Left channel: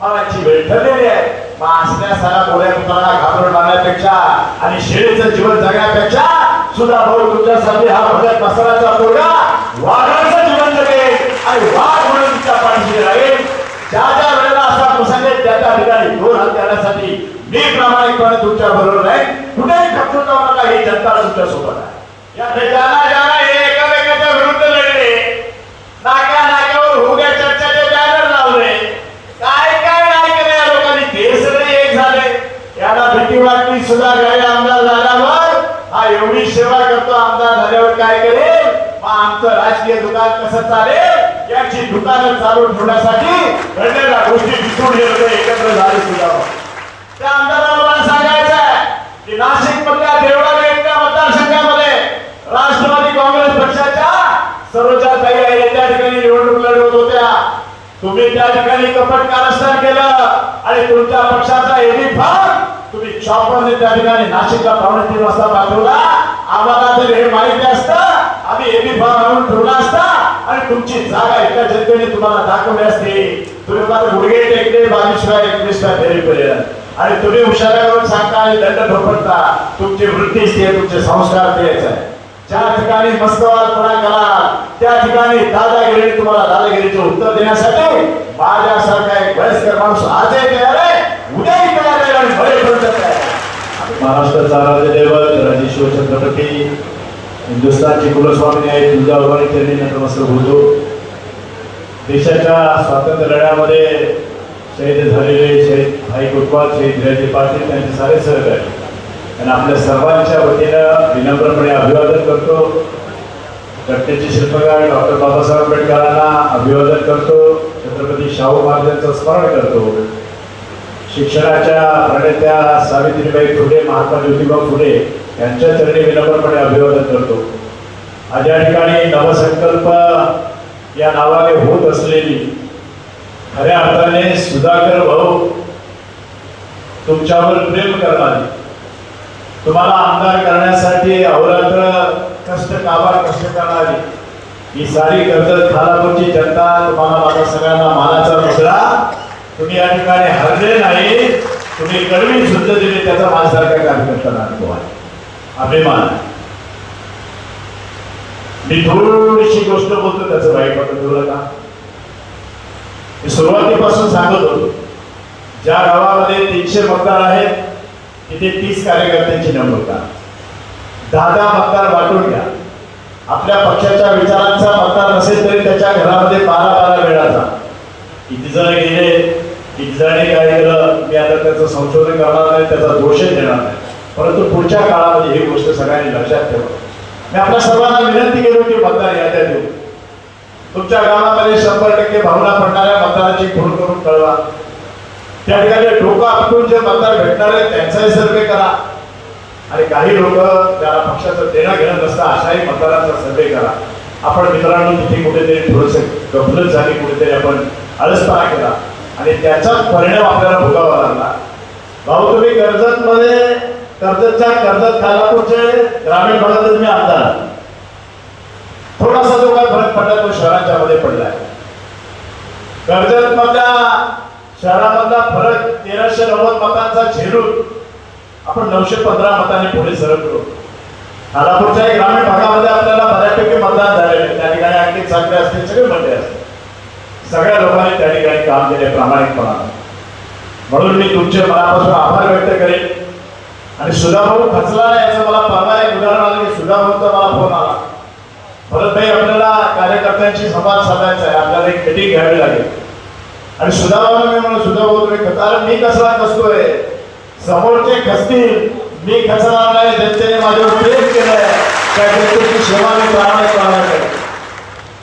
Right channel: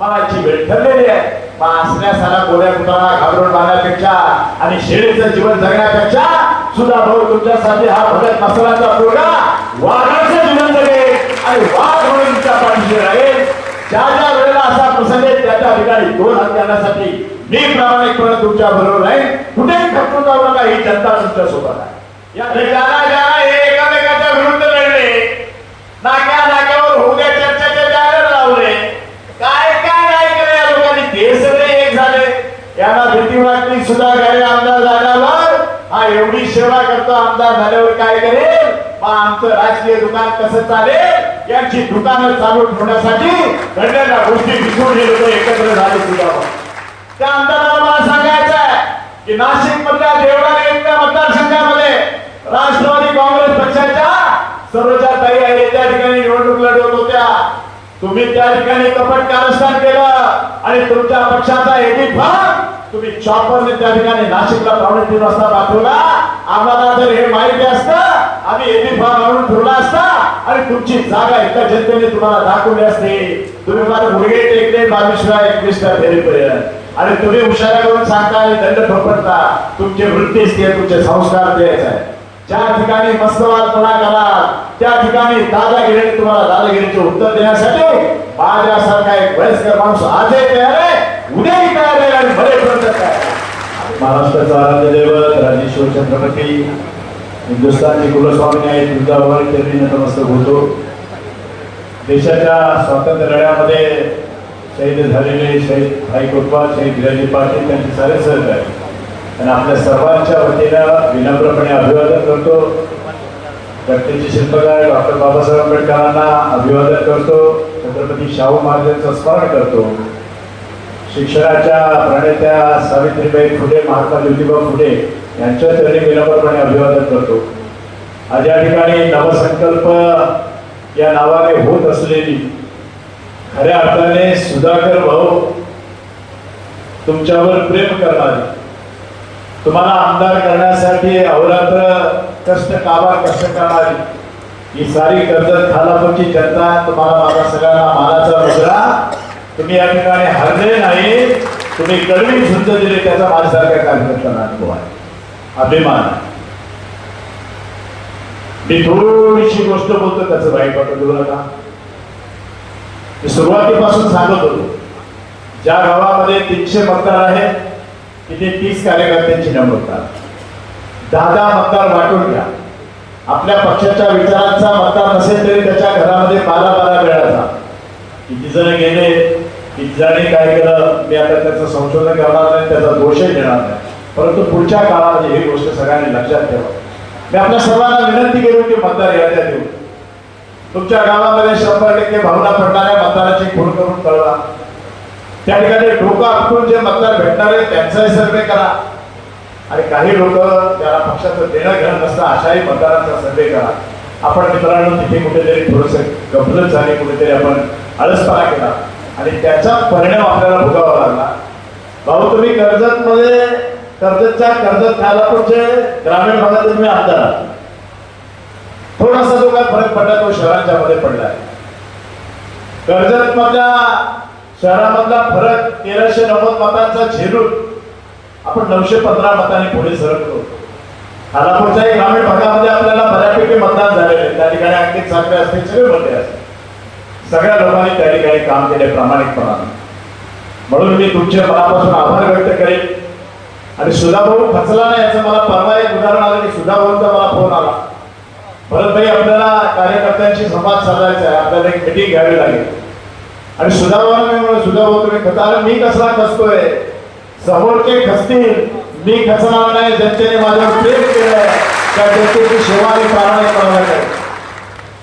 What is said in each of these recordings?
मारायची वेळ ठरलेली आहे. गोळ्या कुटाला घाबरून मारण्यापेक्षा आणि शेळीचं जीवन जगण्यापेक्षा सुद्धा भाऊ तुमच्यासाठी हा मसाल्याचा पोरगा वाघाचं जीवन जगेल. आणि वाघ म्हणून पाठीशी राहील. ज्या ज्या वेळेला असा प्रसंग त्या त्या ठिकाणी दोन हात देण्यासाठी मी प्रामाणिकपणे तुमच्या बरोबर आहे कुठेही खपून जाऊ नका ही जनता तुमच्यासोबत आहे. या जाना जाना हे एकामेकाच्या विरुद्ध लढले नाक्या नाक्यावर उद्या चर्चेचे बॅनर लावले काय काय नाही केलं या लोकांनी? ते सगळे एक झाले. याला भीती वाटली सुद्धा गाडी आमदार झाल्यावर हा एवढी सेवा करतो आमदार झाल्यावर काय करेल? मग आमचं राजकीय दुकान कसं चालेल? याची दुकानं चालू ठेवण्यासाठी घडलेल्या गोष्टी विसरून हे लोक एकत्र झाले सुद्धा त्या आमदाराला मला सांगायचं आहे की नाशिक मधल्या देवळा इतक्या मतदारसंघामध्ये राष्ट्रवादी काँग्रेस पक्षाच्या सरोजा ताई आहे त्या ठिकाणी निवडणूक लढवत होत्या. तुम्ही त्या ठिकाणी कपट कारस्थान केलं आणि तुमच्या पक्षाचा एक भाग तुम्ही चॉपरने त्या ठिकाणी नाशिकला पावणे तीन वाजता पाठवला. आम्हाला जर हे माहिती असतं आम्ही एबी भाग आणून ठेवला असता आणि तुमची जागा एका जनतेने तुम्हाला दाखवली असती. तुम्ही मला मुलगे टेकले बावीसव्या एकवीसव्या फेरीपर्यंत. आणि तुम्ही हुशारा करून सांगता आणि दंड ठोपडता. तुमचे वृत्तीच ते तुमचे संस्कार द्यायचा आहे ज्या ठिकाणी मस्तवाद मस्तवादपणा केला त्या ठिकाणी दादागिरीने तुम्हाला दादागिरीचे उत्तर देण्यासाठी माझ्यासारखा एक वयस्कर माणूस आजही तयार आहे उद्याही तयार आहे आणि मरेपर्यंत तयार आहे. महाराष्ट्राचा आराध्यदैवत राजेश्वर छत्रपती हिंदुस्थानचे कुलस्वामी आहे तुळजाभवानी त्यांनी नतमस्तक बोलतो. देशाच्या स्वातंत्र्य लढ्यामध्ये शहीद झालेले शहीद भाई कुटपाल शहीद गिराजी पाटील त्यांचे सारे सहकारी. आणि आपल्या सर्वांच्या वतीनं विनम्रपणे अभिवादन करतो. घटनेचे शिल्पकार डॉक्टर बाबासाहेब आंबेडकरांना अभिवादन करतो. छत्रपती शाहू महाराजांचं स्मरण करतो. शिक्षणाच्या प्रणेत्या सावित्रीबाई फुले महात्मा ज्योतिबा फुले यांच्या चरणी विनम्रपणे अभिवादन करतो. आज या ठिकाणी नवसंकल्प या नावाने होत असलेली खऱ्या अर्थाने सुधाकर भाऊ तुमच्यावर प्रेम करणारी तुम्हाला आमदार करण्यासाठी अवलंब कष्ट कावा कष्ट करावी ही सारी कर्जत खालापूरची जनता तुम्हाला माझ्या सगळ्यांना मानाचा मुद्रा. तुम्ही या ठिकाणी हरले नाही. तुम्ही कडवी झुंज दिली त्याचा माझ्यासारख्या कार्यकर्त्यांना अनुभव आहे. अभिमान. मी थोडीशी गोष्ट बोलतो त्याचं वाईट वाटत तुला का? मी सुरुवातीपासून सांगत होतो ज्या गावामध्ये तीनशे मतदार आहेत तिथे तीस कार्यकर्त्यांची निवड करा दहा दहा मतदार वाटून घ्या. आपल्या पक्षाच्या विचारांचा मतदार नसेल तरी त्याच्या घरामध्ये पाला पाला मिळायचा किती जण गेले किती जण काय केलं ते आता त्याचं संशोधन करणार नाही त्याचा दोषही देणार नाही. परंतु पुढच्या काळामध्ये ही गोष्ट सगळ्यांनी लक्षात ठेवा. मी आपल्या सर्वांना विनंती केली की मतदार याद्या देऊ. तुमच्या गावामध्ये शंभर टक्के भावना पडणाऱ्या मतदाराची फोन करून कळवा. त्या ठिकाणी डोकं आपटून जे मतदार भेटणार आहेत त्यांचाही सर्वे करा. आणि काही लोक त्याला पक्षाचं देणं घेणं नसतं अशाही मतदारांचा सर्वे करा. आपण मित्रांनो तिथे कुठेतरी थोडंसं गफलत झाली कुठेतरी आपण आळसपणा केला. आणि त्याचा परिणाम आपल्याला भोगावा लागला. भाऊ तुम्ही कर्जत मध्ये कर्जतच्या कर्जत खालापूरचे ग्रामीण भागात तुम्ही आता थोडासा जो काय फरक पडला तो शहरांच्या मध्ये पडलाय कर्जत मधल्या शहरामधला फरक तेराशे नव्वद मतांचा झेलून आपण नऊशे पंधरा मतांनी पुढे सरकलो. खालापूरच्याही ग्रामीण भागामध्ये आपल्याला बऱ्यापैकी मतदान झालेले त्या ठिकाणी अंकित साखरे असतील सगळे म्हणले असतील. सगळ्या लोकांनी त्या ठिकाणी काम केले प्रामाणिकपणाने. म्हणून मी तुमच्या मनापासून आभार व्यक्त करेन. आणि सुधाभाऊ खचला नाही याचं मला परवा एक उदाहरण आलं की सुधाभाऊचा मला फोन आला. परत भाई आपल्याला कार्यकर्त्यांशी संवाद साधायचा आहे. आपल्याला एक मिटिंग घ्यावी लागेल. आणि सुधाभाऊ मी सुधा सुधाभाऊ तुम्ही खचा मी कसला खसतोय समोरचे खसतील मी खचणार नाही जनतेने माझ्यावर प्रेम केलंय. त्या जनतेची सेवा आणि प्रामाणिकपणा आहे.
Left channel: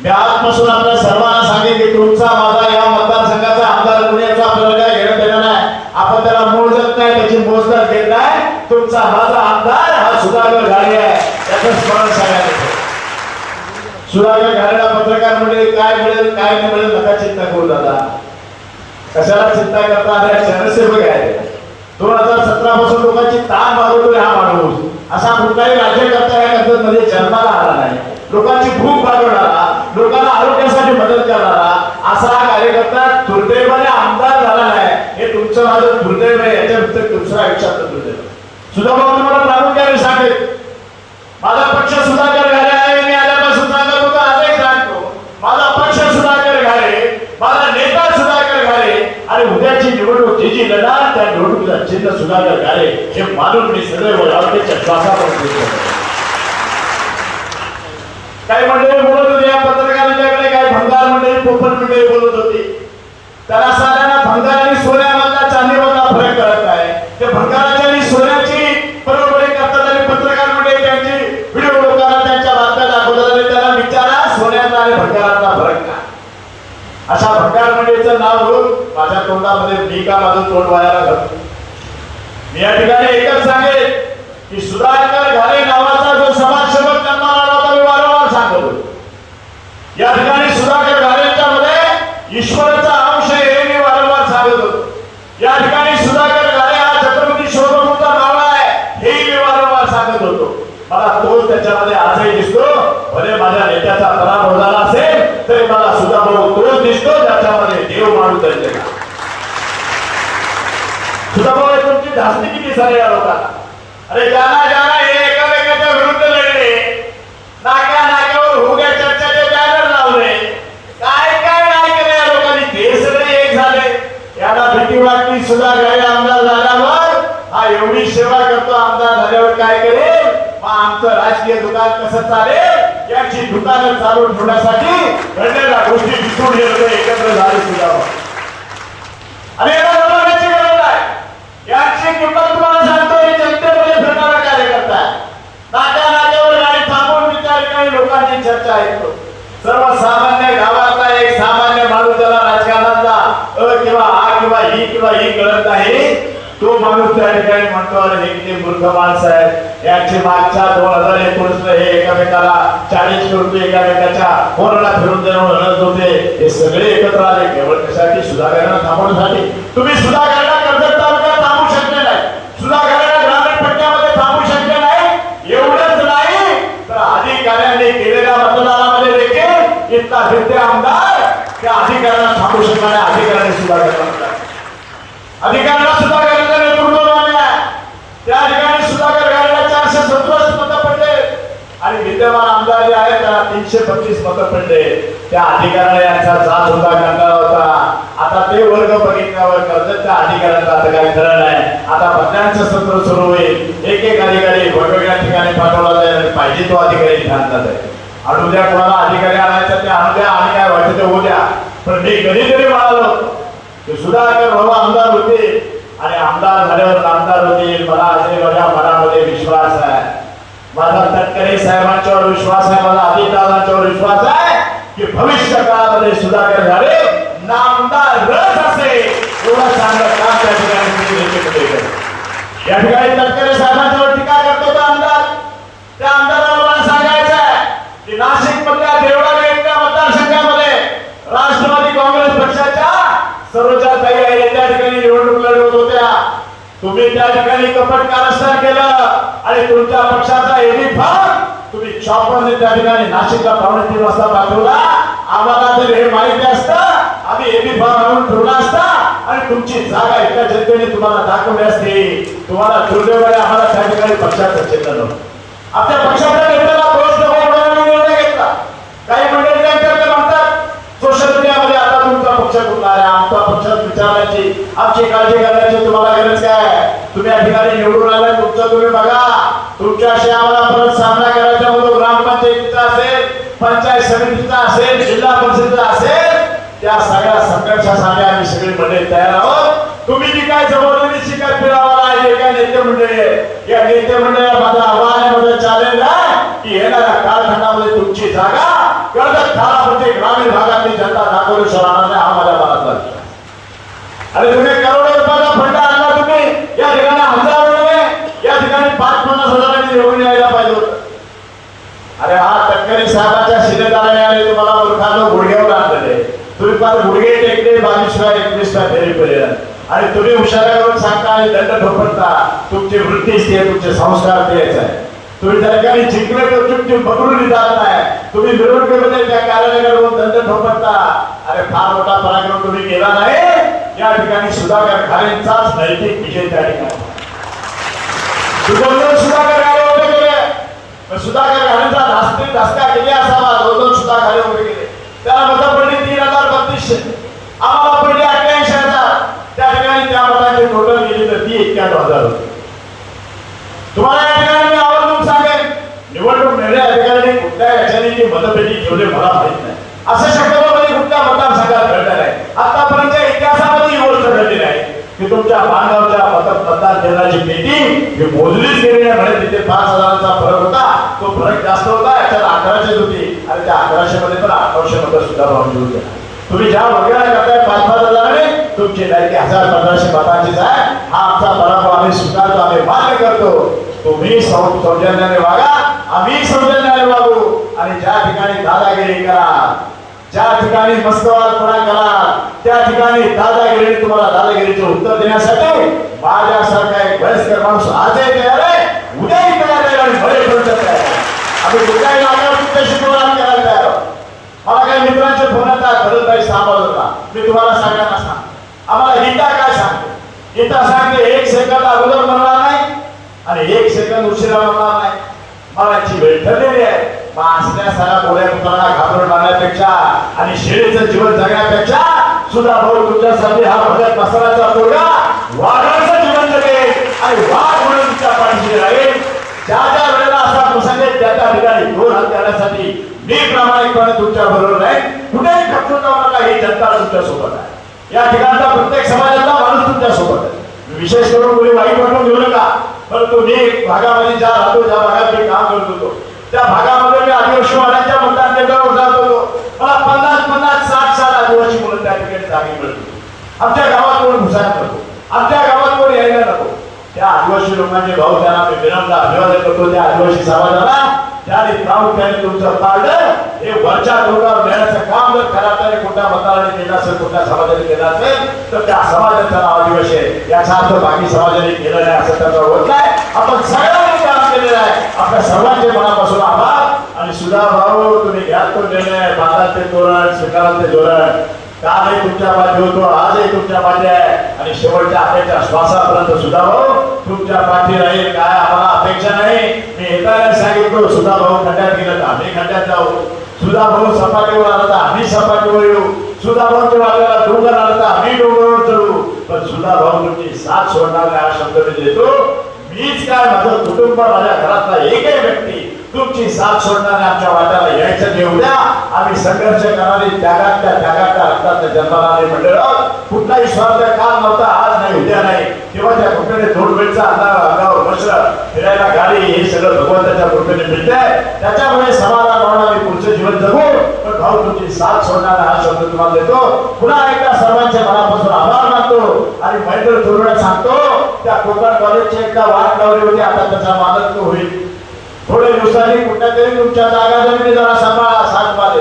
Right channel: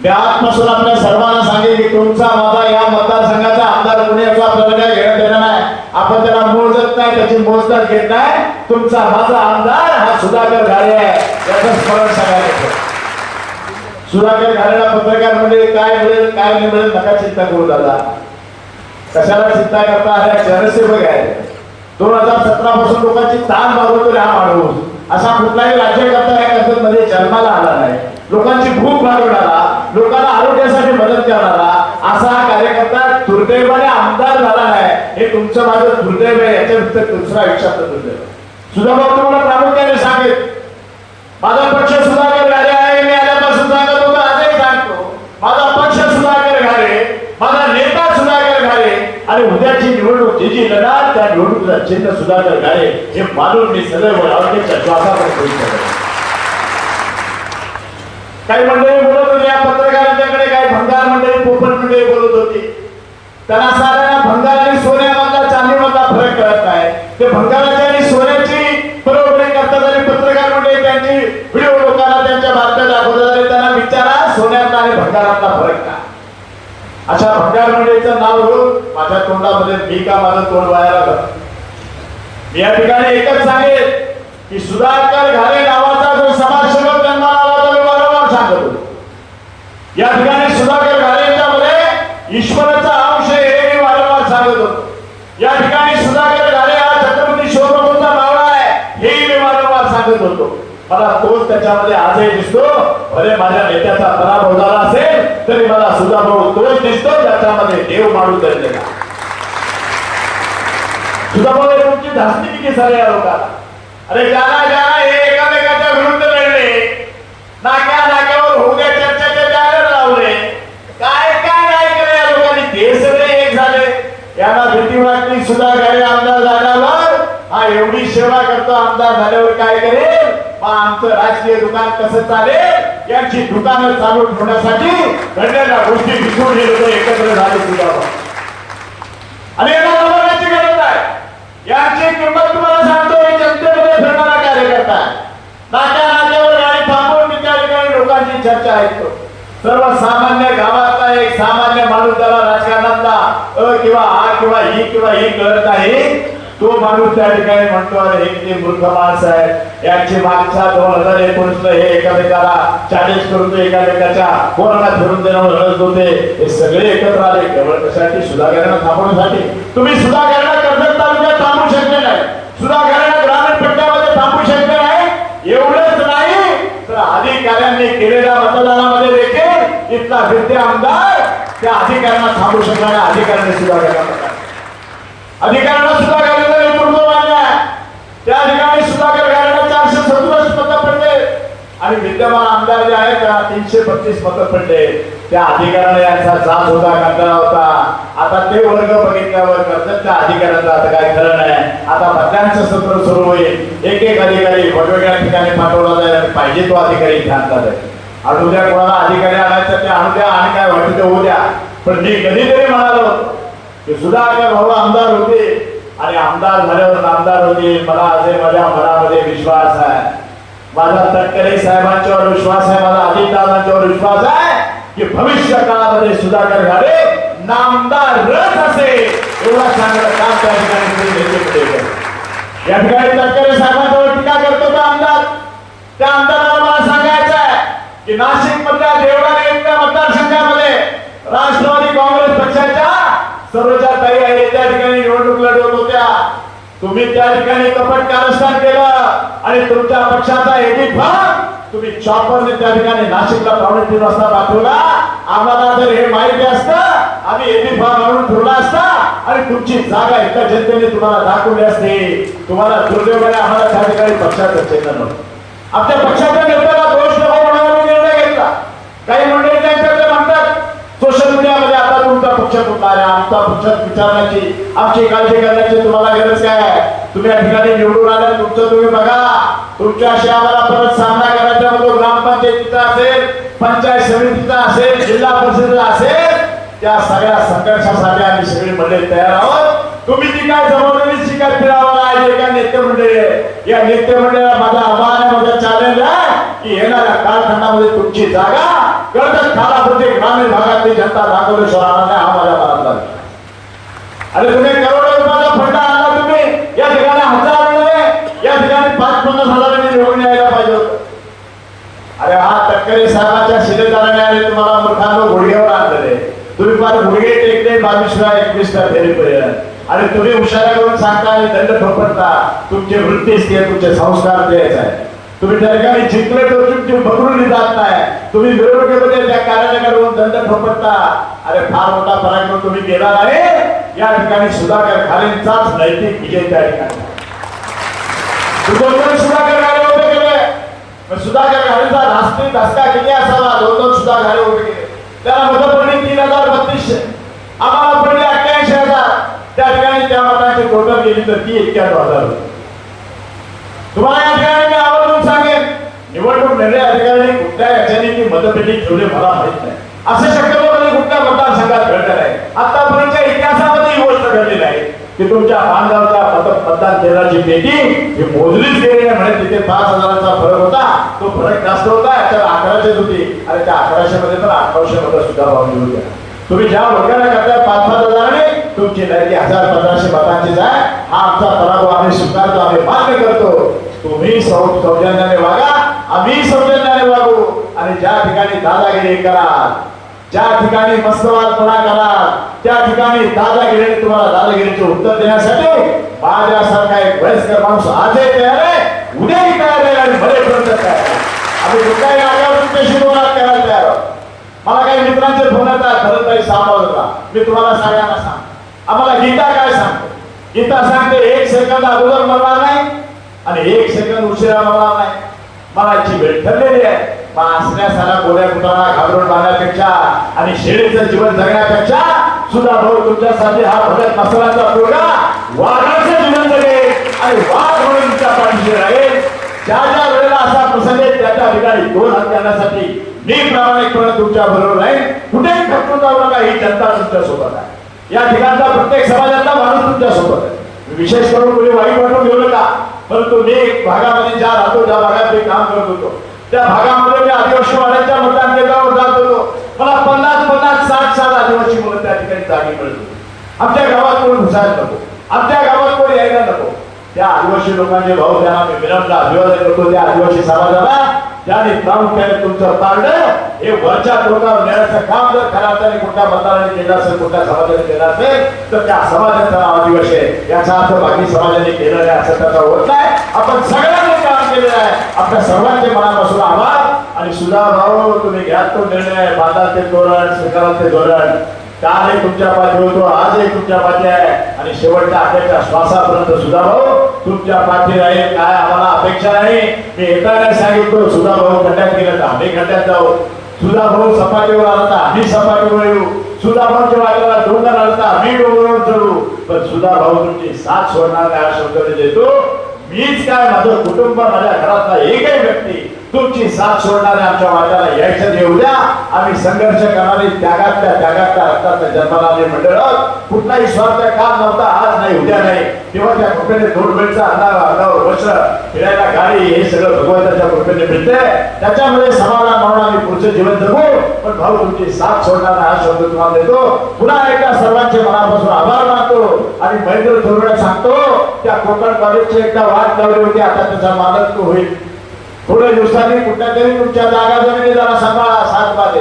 मी आजपासून आपल्या सर्वांना सांगेन की तुमचा माझा या मतदारसंघाचा आमदार कोणी याचा आपल्याला काय घेणं देणं नाही. आपण त्याला मोजत नाही त्याची मोजदार घेत नाही. तुमचा माझा आमदार हा सुधाकर घाले आहे. याचं स्मरण सांगायचं सुधाकर घालेला पत्रकार म्हणजे काय मिळेल काय नाही मिळेल नका चिंता करू दादा. कशाला चिंता करता? हा शहरसेवक आहे. दोन हजार सतरा पासून लोकांची ताण मागवतो हा माणूस. असा कुठलाही राज्यकर्ता काय करतात? मध्ये जन्माला आला नाही. लोकांची भूक भागवणारा लोकांना आरोग्यासाठी मदत करणारा असा हा कार्यकर्ता दुर्दैवाने आमदार झाला नाही. हे तुमचं माझं दुर्दैव आहे. याच्या व्यतिरिक्त दुसरा विचार दुर्दैव. सुद्धा मग तुम्हाला प्रामुख्याने सांगेल. माझा पक्ष सुधाकर आल्या आहे मी आल्यापासून सांगत होतो आजही सांगतो माझा पक्ष सुधाकर घाले माझा नेता सुधाकर घाले आणि उद्याची निवडणूक जी जी लढणार त्या निवडणुकीचा चिन्ह सुधाकर घाले हे मानून मी सदैव आवडीच्या श्वासावर बोलू शकतो. काही मंडळी बोलत होते या पत्रकारांच्याकडे काही भंगार मंडळी पोपट मंडळी बोलत होती. त्याला साधारण भंगार आणि सोन्यामधला चांदीमधला फरक करत काय ते भंगाराची आणि सोन्याची बरोबरी करतात आणि पत्रकार मंडळी त्यांची व्हिडिओ लोकांना त्यांच्या बातम्या दाखवतात आणि त्यांना विचारा सोन्याचा आणि भंगारातला फरक काय? अशा भंगार मंडळीचं नाव घेऊन माझ्या तोंडामध्ये मी का माझं तोंड व्हायला घातलं मी या ठिकाणी एकच सांगेल की सुधाकर घाले नावाचा जो समाजसेवक जन्माला आला तो मी वारंवार सांगतो. या ठिकाणी सुधाकर घालेच्या मध्ये ईश्वराचा अंश हे मी वारंवार सांगत. होतो या ठिकाणी सुधाकर घाले हा छत्रपती शिवप्रभूंचा मावळा आहे हे मी वारंवार सांगत होतो. मला तोच त्याच्यामध्ये आजही दिसतो. भले माझ्या नेत्याचा पराभव झाला असेल तरी मला सुद्धा भाऊ तोच दिसतो त्याच्यामध्ये देव माणूस द्यायचे का? तुझा भाऊ तुमची धास्ती किती झाली या लोकांना? अरे जाना जाना हे एकामेकाच्या विरुद्ध लढले नाक्या नाक्यावर होग्या चर्चेचे बॅनर लावले काय काय नाही केलं या लोकांनी? ते सगळे एक झाले. याला भीती वाटली सुद्धा गाडी आमदार झाल्यावर. हा एवढी सेवा करतो आमदार झाल्यावर काय केले मग आमचं राजकीय दुकान कसं चालेल? याची दुकानं चालू ठेवण्यासाठी घडलेल्या गोष्टी विसरून हे लोक एकत्र झाले सुद्धा आणि यांना समाजाची गरज आहे याची किंमत तुम्हाला सांगतो मी जनतेमध्ये फिरणारा कार्यकर्ता आहे नाट्या नाट्यावर आणि थांबून मी त्या ठिकाणी लोकांची चर्चा ऐकतो सर्वसामान्य गावातला एक सामान्य माणूस त्याला राजकारणातला अ किंवा आ किंवा ही किंवा ही गरज नाही तो माणूस त्या ठिकाणी म्हणतो अरे हे किती मूर्ख माणसं आहे याचे मागच्या दोन हजार एकोणीस हे एकामेकाला चाळीस करोड रुपये एकामेकाच्या कोरोना फिरून देण्यावर लढत होते. हे सगळे एकत्र आले. केवळ कशासाठी? सुधाकरणा थांबवण्यासाठी. तुम्ही सुधाकरणा कर्जत तालुक्यात थांबू शकले नाही. सुधाकरणा ग्रामीण पट्ट्यामध्ये थांबू शकले नाही. एवढंच नाही तर अधिकाऱ्यांनी केलेल्या मतदानामध्ये देखील इतका फिरते आमदार त्या अधिकाऱ्यांना थांबू शकणाऱ्या अधिकाऱ्यांनी सुधाकरणा अधिकाऱ्यांना सुद्धा घालायला नेतृत्व मान्य त्या ठिकाणी सुधाकर घालायला चारशे सत्तरच मतं पडले. आणि विद्यमान आमदार जे आहेत त्या तीनशे पच्चीस मतं पडले. त्या अधिकाऱ्याने यांचा जात होता कंटाळा होता. आता ते वर्ग बघितल्यावर कर्जतच्या अधिकाऱ्यांचा आता काय खरं नाही. आता बदल्यांचं सत्र सुरू होईल. एक एक अधिकारी वेगवेगळ्या ठिकाणी पाठवला जाईल आणि पाहिजे तो अधिकारी इथे जाईल आणि उद्या कोणाला अधिकारी आणायचं ते आणू द्या आणि काय व्हायचं ते होऊ द्या. पण मी कधीतरी म्हणालो की सुधाकर भाऊ आमदार होते. आणि आमदार झाल्यावर आमदार होतील मला असे माझ्या मनामध्ये विश्वास आहे. माझा तटकरे साहेबांच्यावर विश्वास आहे माझा अजितदादांच्यावर विश्वास आहे की भविष्य काळामध्ये सुधाकर झाले नामदार रथ असे एवढा चांगलं काम त्या ठिकाणी या ठिकाणी तटकरे साहेबांच्यावर टीका करतो तो आमदार. त्या आमदाराला मला सांगायचं आहे की नाशिक मधल्या देवळाने इतक्या मतदारसंघामध्ये राष्ट्रवादी काँग्रेस पक्षाच्या सरोजा ताई आहे त्या ठिकाणी निवडणूक लढवत होत्या. तुम्ही त्या ठिकाणी कपट कारस्थान केलं आणि तुमच्या पक्षाचा एक भाग तुम्ही चॉपरने त्या ठिकाणी नाशिकला पावणे तीन वाजता पाठवला. आम्हाला जर हे माहिती असतं आम्ही एबी भाग आणून ठेवला असता आणि तुमची जागा एका जनतेने तुम्हाला दाखवली असते. तुम्हाला दुर्दैवाने आम्हाला त्या ठिकाणी पक्षाचं चिन्ह नव्हतं. आपल्या पक्षाच्या नेत्याला दोष नको म्हणून निर्णय घेतला. काही मंडळी तुमचा पक्ष कुठला आहे? आमचा पक्ष विचारण्याची आमची काळजी करण्याची तुम्हाला गरज काय? तुम्ही या ठिकाणी निवडून आले तुमचं तुम्ही बघा. तुमच्याशी आम्हाला परत सामना करायचा मग ग्रामपंचायतीचा असेल पंचायत समितीचा असेल जिल्हा परिषदेचा असेल त्या सगळ्या संघर्षासाठी आम्ही सगळे मध्ये तयार आहोत. तुम्ही जी काय जबाबदारी स्वीकार फिरावा लागेल एका नेते मंडळी या नेते मंडळाला माझं आव्हान आहे माझं चॅलेंज आहे की येणाऱ्या कालखंडामध्ये तुमची जागा कर्जत खालापती ग्रामीण भागातली जनता दाखवल्याशिवाय राहणार नाही हा माझ्या मनात लागला अरे तुम्ही करोडो रुपयाचा फंड आणला तुम्ही. या ठिकाणी हजारो नव्हे या ठिकाणी पाच पन्नास हजारांनी निवडून यायला पाहिजे होत. अरे हा तत्कालीन साहेबाच्या शिलेदाराने आले तुम्हाला मूर्खांनो गुडघ्यावर आणलेले. तुम्ही फार गुडघे टेकले बावीस वेळा एकवीस वेळा फेरीपर्यंत आणि तुम्ही हुशारा करून सांगता आणि दंड ठोपटता. तुमचे वृत्तीच ते तुमचे संस्कार द्यायचा आहे तुम्ही त्या ठिकाणी जिंकले तर तुमची बकरून जात नाही. तुम्ही विरोध निवडणुकीमध्ये त्या कार्यालयाकडे दंड ठोपटता अरे फार मोठा पराक्रम तुम्ही केला नाही या ठिकाणी सुधाकर खालेंचाच नैतिक विजय त्या ठिकाणी. सुधाकर गाडे उभे केले. सुधाकर घालेचा राष्ट्रीय धसका किती असावा. दोन दोन सुद्धा घाले उभे केले. त्याला मतं पडली तीन हजार बत्तीसशे. आम्हाला पडली अठ्ठ्याऐंशी हजार. त्या ठिकाणी त्या मताची टोटल गेली तर ती एक्क्याण्णव हजार होती. तुम्हाला या ठिकाणी निवडणूक निर्णय अधिकारी कुठल्या याच्याने ती मतपेटी ठेवली मला माहीत नाही. असं शक्यतो कुठल्या मतदारसंघात घडलं नाही आतापर्यंतच्या इतिहासामध्ये ही गोष्ट घडलेली आहे की तुमच्या मानगावच्या मत मतदार केंद्राची पेटी हे मोजलीच गेली नाही म्हणे. तिथे पाच हजाराचा फरक होता. तो फरक जास्त होता. याच्यात अकराशेच होती. आणि त्या अकराशे मध्ये पण अठराशे मतं सुद्धा पावली होती. तुम्ही ज्या वर्गाला करताय पाच पाच हजाराने तुमची लायकी हजार पंधराशे मतांचीच आहे. हा आमचा पराभव आम्ही स्वीकारतो आम्ही मान्य करतो. तुम्ही सौ- सौजन्याने वागा. आम्ही सौजन्याने वागू आणि ज्या ठिकाणी दादागिरी करा ज्या ठिकाणी मस्तवादपणा करा त्या ठिकाणी दादागिरीने तुम्हाला दादागिरीचे उत्तर देण्यासाठी माझ्यासारखा एक वयस्कर माणूस आजही तयार आहे उद्याही तयार आहे आणि मरेपर्यंत तयार आहे. आम्ही कुठल्याही जागेवर तुमच्याशी तुम्हाला करायला तयार आहोत. मला काही मित्रांचे फोन येतात खरंच काही सांभाळ होता. मी तुम्हाला सगळ्यांना सांगतो. आम्हाला गीता काय सांगतो? गीता सांगते एक सेकंद अगोदर मला नाही आणि एक सेकंद उशिरा मला नाही. मलाची वेळ ठरलेली आहे. मग असल्या गोळ्या कुटाला घाबरून मारण्यापेक्षा आणि शेळीचं जीवन जगण्यापेक्षा सुद्धा भाऊ तुमच्यासाठी हा भगत मसाल्याचा पोरगा वाघाचं जीवन जगेल. आणि वाघ म्हणून तुमच्या पाठीशी राहील ज्या ज्या वेळेला असा प्रसंग त्या त्या ठिकाणी दोन हात देण्यासाठी मी प्रामाणिकपणे तुमच्या बरोबर राहील कुठेही खचून जाऊ नका ही जनता तुमच्यासोबत आहे. या ठिकाणचा प्रत्येक समाजातला माणूस तुमच्यासोबत आहे. विशेष करून कोणी वाईट वाटून घेऊ नका. परंतु मी भागामध्ये ज्या राहतो ज्या भागात मी काम करत होतो त्या भागामध्ये मी आदिवासी वाड्याच्या मतदान केंद्रावर जात होतो मला पन्नास पन्नास साठ साठ आदिवासी मुलं त्या ठिकाणी जागी मिळत होती. आमच्या गावात कोण घुसायला नको आमच्या गावात कोण यायला नको त्या आदिवासी लोकांचे भाऊ त्यांना मी विनम्र अभिवादन करतो त्या आदिवासी समाजाला त्याने प्रामुख्याने तुमचं पाळलं हे वरच्या लोकांना नेण्याचं काम जर खऱ्या अर्थाने कुठल्या मतदाराने केलं असेल कुठल्या समाजाने केलं असेल तर त्या समाजाचं नाव आदिवासी आहे. याचा अर्थ बाकी समाजाने केलं नाही असं त्याचा होत नाही. आपण सगळ्यांनी काम केलेलं आहे. आपल्या सर्वांचे मनापासून आभार. आणि सुधा भाऊ तुम्ही घ्या तो निर्णय बांधाचे धोरण स्वीकाराचे धोरण. कालही तुमच्या पाठी होतो आजही तुमच्या पाठी आहे. आणि शेवटच्या अखेरच्या श्वासापर्यंत सुद्धा भाऊ तुमच्या पाठी राहील काय आम्हाला अपेक्षा नाही. मी येताना सांगितलं सुद्धा भाऊ खड्ड्यात गेलं तर आम्ही खड्ड्यात जाऊ. सुद्धा भाऊ सपाटीवर आला तर आम्ही सपाटीवर येऊ सुद्धा भाऊच्या आपल्याला डोंगर आला तर आम्ही डोंगरावर चढू पण सुद्धा भाऊ तुमची साथ सोडणार नाही हा शब्द देतो. मीच काय माझं कुटुंब माझ्या घरातला एकही व्यक्ती तुमची साथ सोडणाऱ्या आमच्या वाट्याला यायचं घेऊ आम्ही संघर्ष करणारे त्यागातल्या त्यागातल्या रक्तातल्या जन्माला आले मंडळ कुठलाही स्वार्थ काल नव्हता आज नाही उद्या नाही. तेव्हा त्या कृपेने दोडबेळचा अंगावर अंगावर बसलं फिरायला गाडी हे सगळं भगवंताच्या कृपेने मिळते त्याच्यामुळे समाधान म्हणून आम्ही पुढचं जीवन जगू. पण भाऊ तुमची साथ सोडणारा हा शब्द तुम्हाला देतो. पुन्हा एकदा सर्वांचे मनापासून आभार मानतो आणि महेंद्र थोरडे सांगतो त्या कोकण कॉलेजची एकदा वाट लावली होती आता त्याचा मालक तो होईल. थोडे दिवसांनी कुठल्या तरी तुमच्या जागा जमिनी जरा सांभाळा सात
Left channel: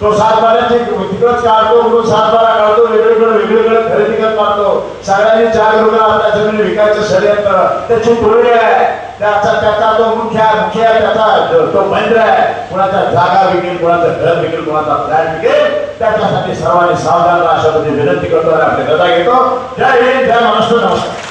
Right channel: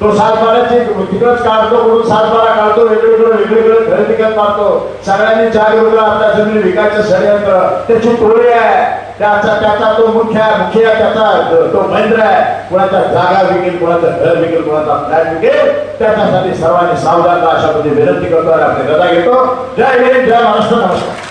तो सात बाऱ्याची तिकडच काढतो म्हणून सात काढतो वेगवेगळं वेगवेगळं खरेदी करत मारतो सगळ्यांनी चार रुपये आपल्या जमिनी विकायचं षडयंत्र. त्याची टोळी आहे. त्याचा त्याचा जो मुख्य आहे मुख्य आहे त्याचा तो महेंद्र आहे. कुणाच्या जागा विकेल कुणाचं घर विकेल कुणाचा फ्लॅट विकेल त्याच्यासाठी सर्वांनी सावधान अशा पद्धती विनंती करतो आपल्या गदा घेतो. जय हिंद जय महाराष्ट्र नमस्कार.